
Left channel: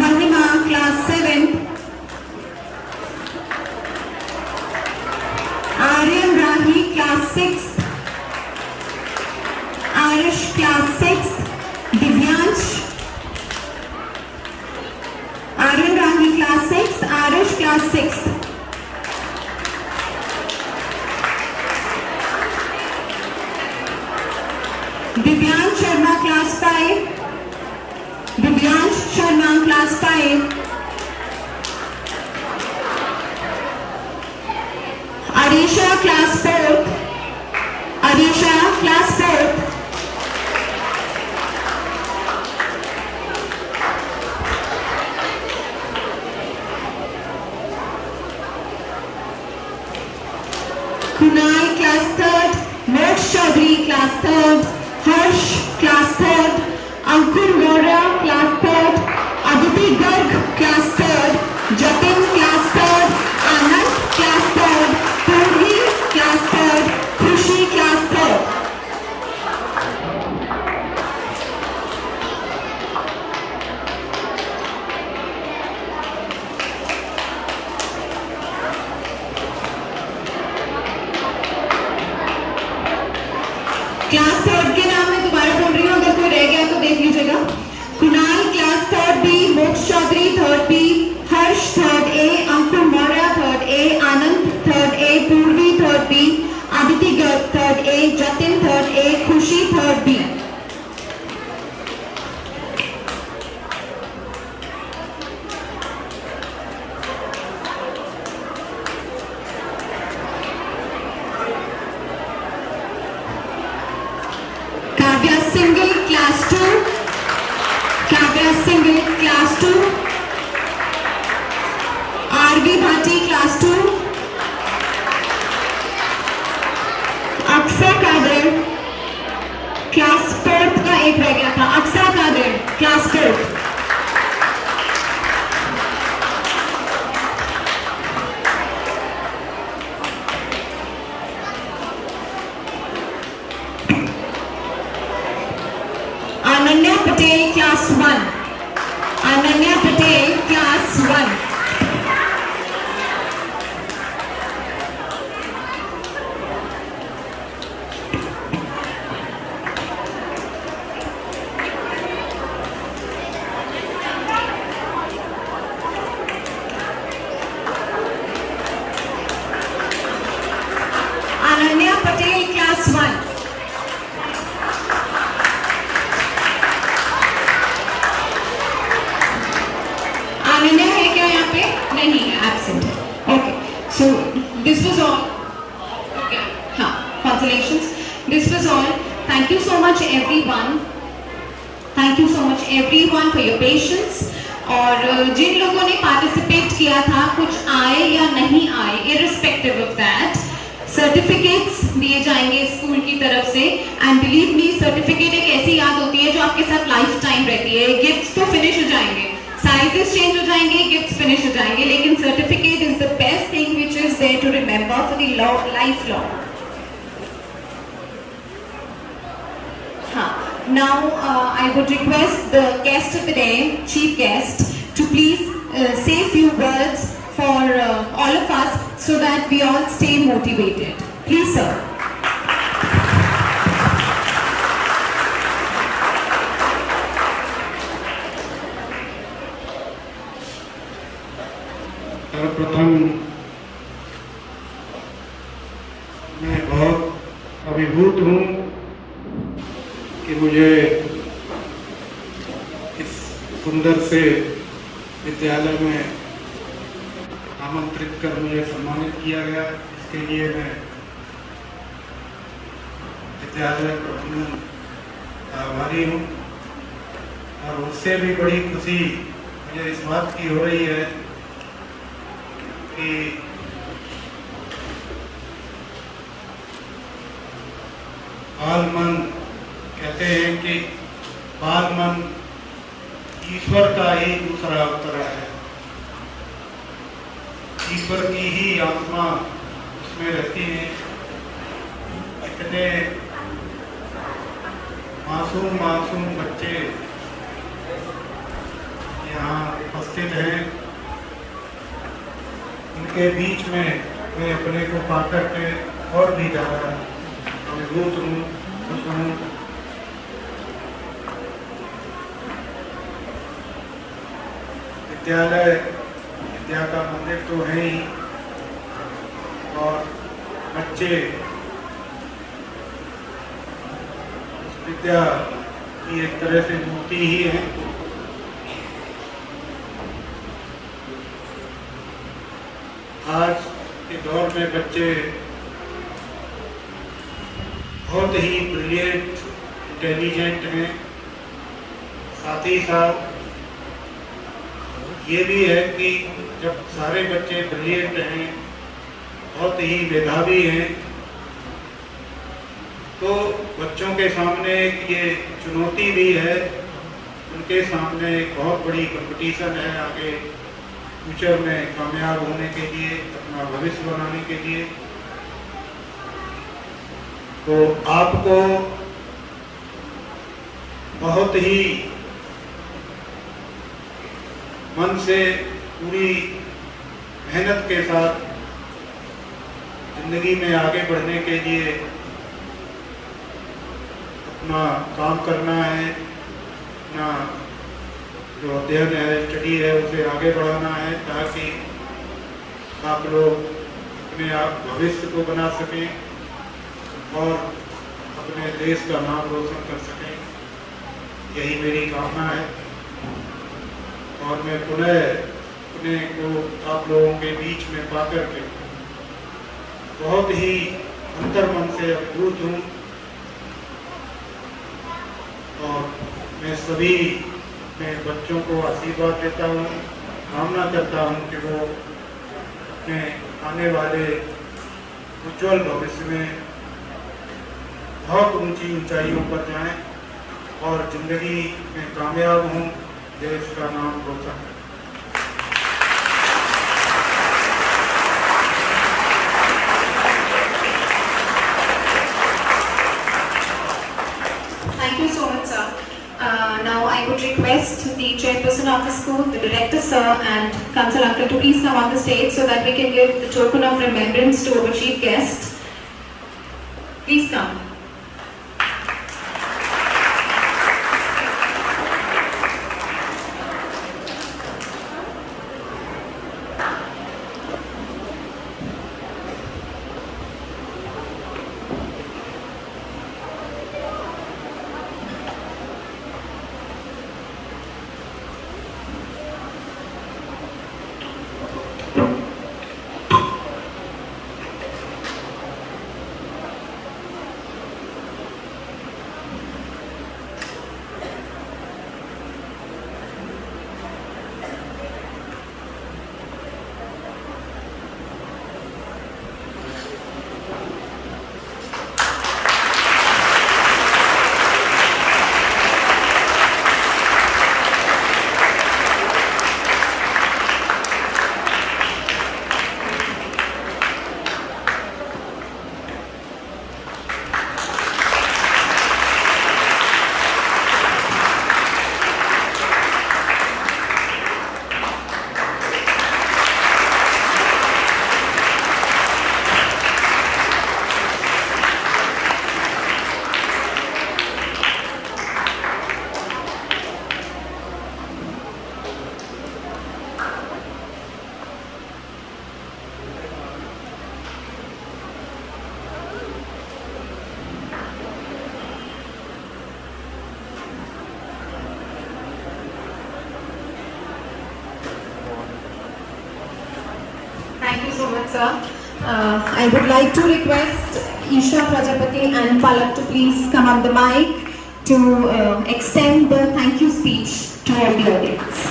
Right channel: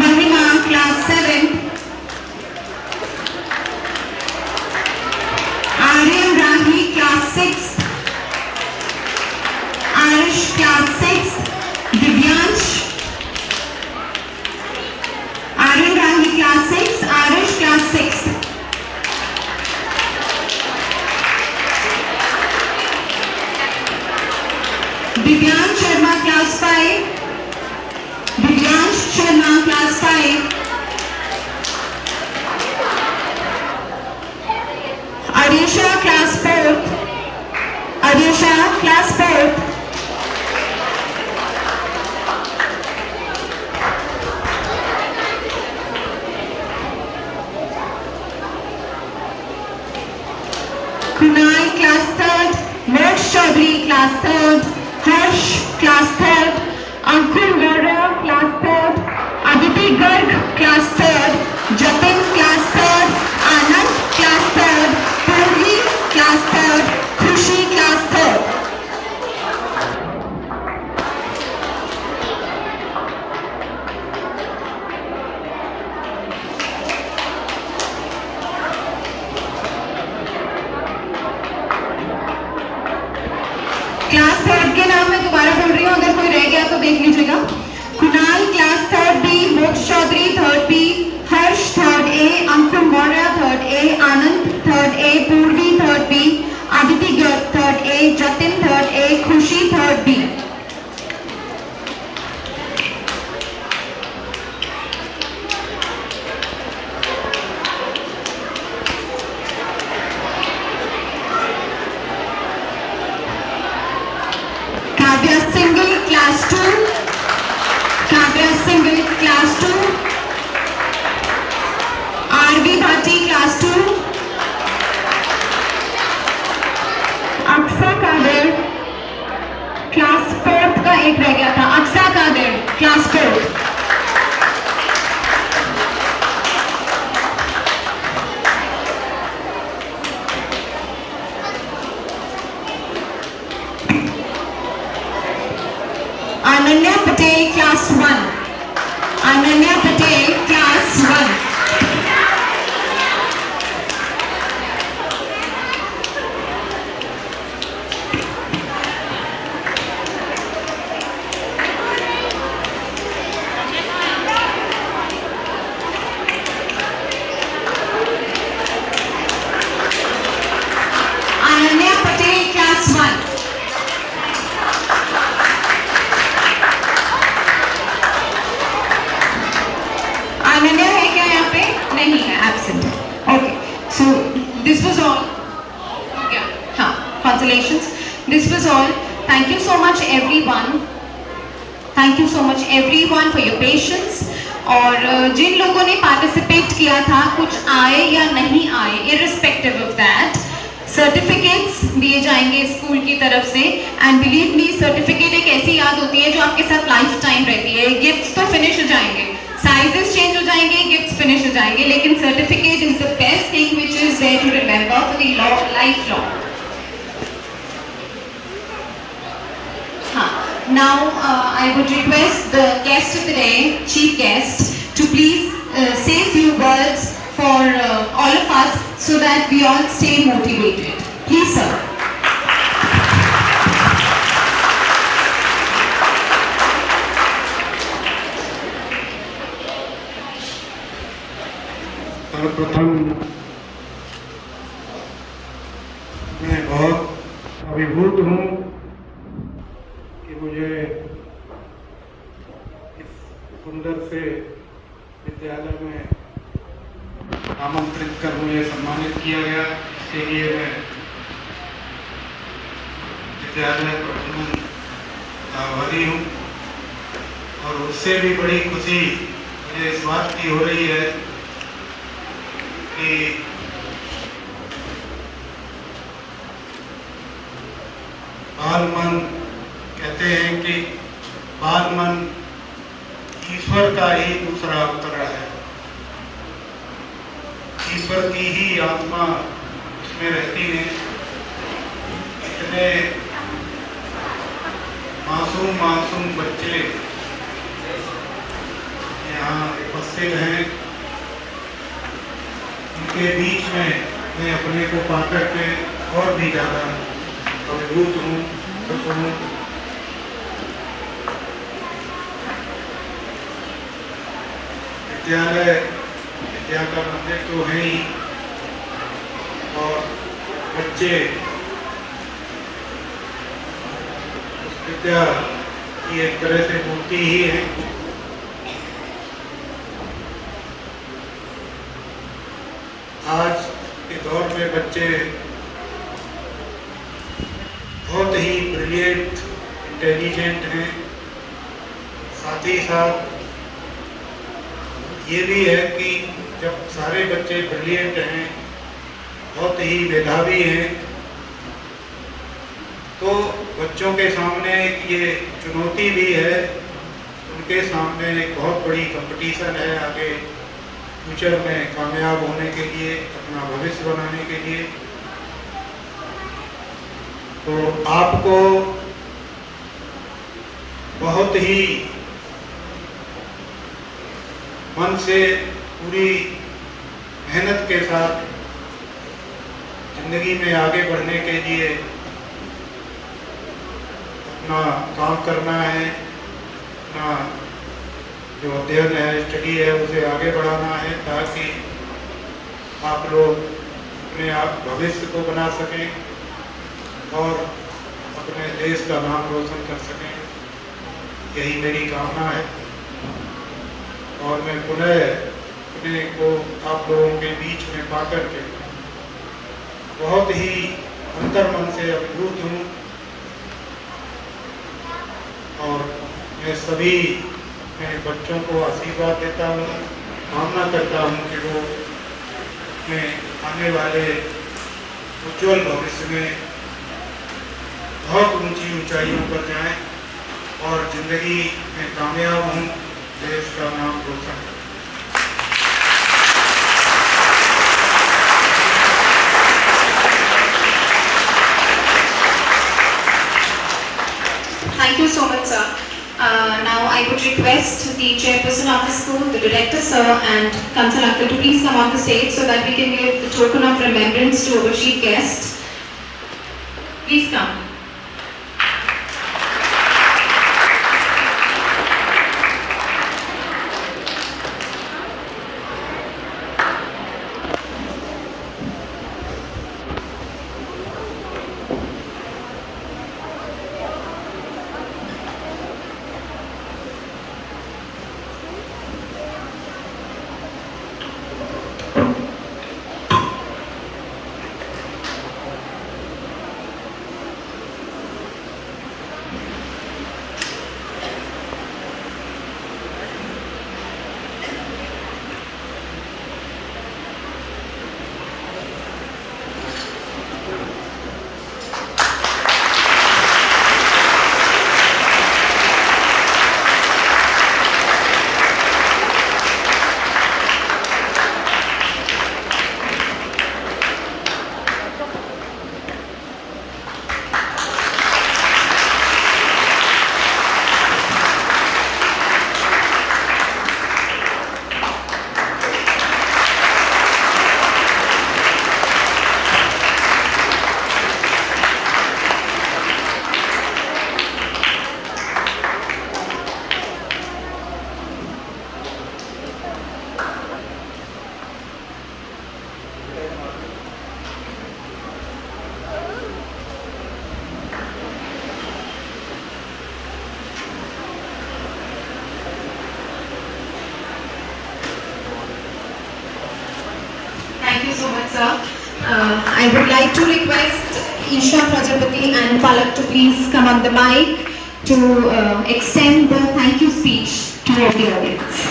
Mahima class 7, Aryan Rahi class 6, Arish class 6, Divyansh, Aryan Rahi class 6, Arish class 6. Divyansh Sharma class 5, Divyansh Sharma class 5, Arisha class 4th, Arisha class 4th, Kunal class 3rd, Moksha Chaudhary class 3rd, Harsh class 3rd, Ankur Gora class 3rd, Aditi Garg class 3rd, Jatin class 3rd, Anand class 3rd, Purvi class 3rd, Khushi class 3rd. Class 3rd के नाम मैं दोबारा बोल रही हूँ, अगर कोई रह गया तो देख लीजिएगा। कुणाल क्लास 3rd B, मोक्ष Chaudhary 3rd B, Harsh 3rd A, Sushi, 3rd B. Kavya Singhal, Class 2. Kavya Singhal, Class 2. R.V. Bhatti, Class 2. Aksa Qadir, class 4th का एक रह गया था। Aksa Qadir, class 4th। Ananya Patel, class 1। Ananya Patel, class 1। Ananya Patel, class 1। Ananya है क्या यहाँ पे? नहीं है, एब्सेंट है। Okay, so this was all. हाँ, consolations, this was all. Thank you so much everyone. Thank you so much everyone for your patience. और जिन लोगों ने पार्टिसिपेट किया था, कुछ आए या नहीं आए, इररिस्पेक्टिव ऑफ दैट, सर्टिफिकेट्स दिए जाएंगे स्कूल की तरफ से। एंड बिलीव मी, सर्टिफिकेट एक ऐसी याद होती है जो आपके साथ लाइफ टाइम रहती है। गिफ्ट्स तो फिनिश हो जाएंगे, साइजेस चेंज हो जाएंगे, गिफ्ट्स फिनिश हो जाएंगे, लेकिन certificate is the best thing which is there to remember for the life long. हाँ, now I would request the guest of the day, chief guest, to please say a few words for all of us so that we all stay motivated. Please, sir. सर्वप्रथम मैं बहुत अभिभूत हूँ कि मुझे इस सुंदर से विद्यालय में आमंत्रित कर मुझे सम्मानित किया गया। इसके लिए मैं विद्यालय प्रबंधन का आभारी हूँ। और उससे भी बड़ी खुशी मुझे इस बात की हो रही है कि बाल मन, कहते हैं कि बाल मन ईश्वर का ही दूसरा अवतरण है। ईश्वर की ही आत्मा उसमें रहती है। इतने मासूम मासूम बच्चे यहाँ उपस्थित हैं, इनके बीच में मैं अपने को पाकर के और भी ज़्यादा अभिभूत हूँ, खुश हूँ। विद्यालय विद्या का मंदिर तो है ही, और बच्चे उस विद्या की एक तरह से मूर्ति ही है। आज के दौर में बच्चे बहुत ही ब्रिलियंट, इंटेलिजेंट हैं। साथ ही साथ ये भी है कि जब सारे बच्चे ब्रिलियंट हैं, बहुत ही मेधावी हैं, तो बच्चों के सामने ये चुनौती भी है। उनके सामने एक बहुत बड़ी कंपटीशन है आगे फ्यूचर में कामयाब होने के लिए, अपना भविष्य बनाने के लिए। तो आपको बहुत ही मन से पूरी मेहनत के साथ जिंदगी में आगे बढ़ने के लिए अपना काम करना है, अपना जो अध्ययन है, स्टडी है, उसे आगे बढ़ाना है, ताकि आप लोग अपने आप भविष्य को बना सकें और अपने देश का नाम रोशन कर सकें, यही मेरी कामना है। और मैं पुनः अपने को आप लोगों के बीच में पाकर के बहुत ही अंतर्मन से अभिभूत हूँ और मैं सभी अपने बच्चों को आशीर्वाद देता हूँ, कामना करता हूँ कि वो अपने आने वाले उज्ज्वल भविष्य में बहुत ऊंची ऊंचाइयों पर जाएं और जिंदगी में कामयाब हों, देश का नाम रोशन करें। Thank you so much, sir. Now I would request the chairperson of the school, the director, sir, and council uncle to please come on the stage so that we can give the token of remembrance to our chief guest. Please come. Thank you so much, sir. I would like to request Isha Prajapati and Palak to please come on the mic to extend the thank you speech to all the audience.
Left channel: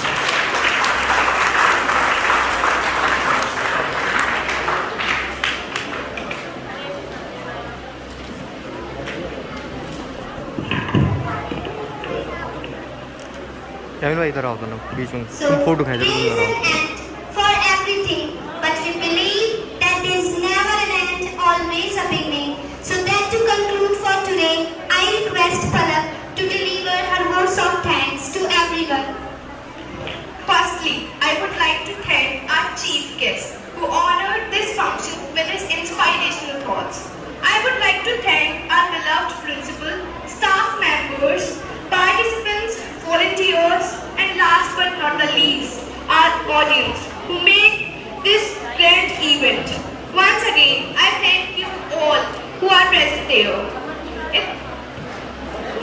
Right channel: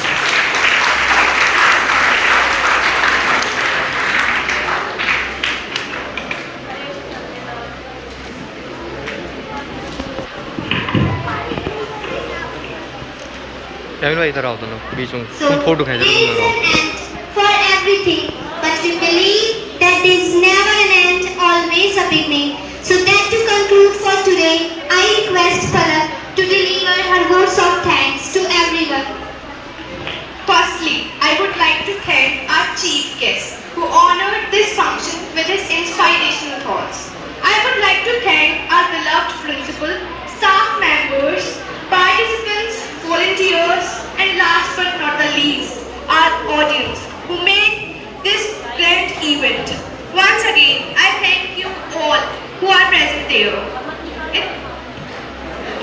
Camel भाई इधर आओ दोनों बीच में, So, तुम photo खींच रहे हो, तुम इधर आओ। and for everything, but we believe that there's never an end, always a beginning. So that to conclude for today, I request Palak to deliver her words of thanks to everyone. Firstly, I would like to thank our chief guest who honored this function with his inspirational thoughts. I would like to thank our beloved principal, staff members, participants, volunteers, and last but not the least, our audience who made this grand event. Once again, I thank you all who are present there.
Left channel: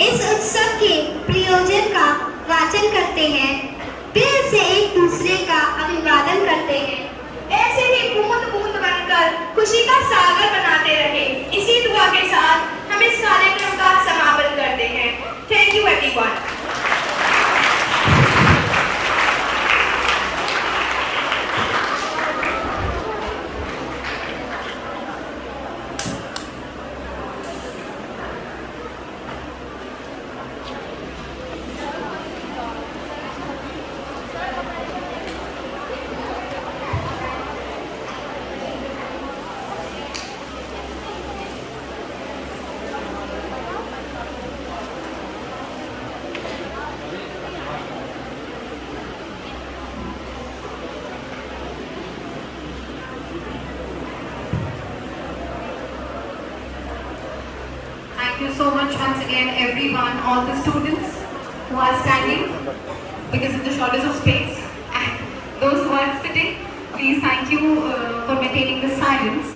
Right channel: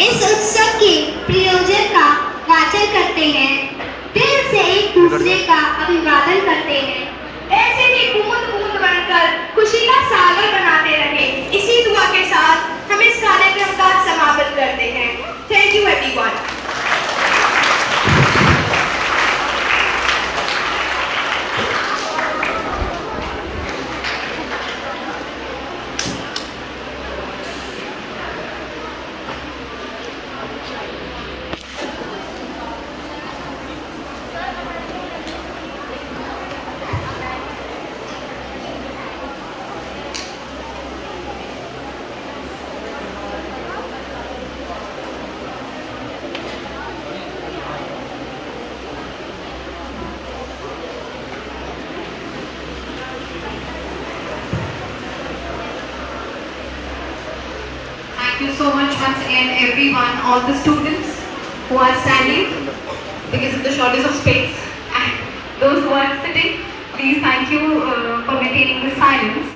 इस उत्सव के प्रयोजन का वाचन करते हैं, दिल से एक दूसरे का अभिवादन करते हैं। ऐसे ही बूंद बूंद बनकर खुशी का सागर बनाते रहे। इसी दुआ के साथ हम इस कार्यक्रम का समापन करते हैं। Thank you everyone. Thank you so much once again everyone, all the students who are standing because of the shortage of space, and those who are sitting, please thank you for maintaining the silence.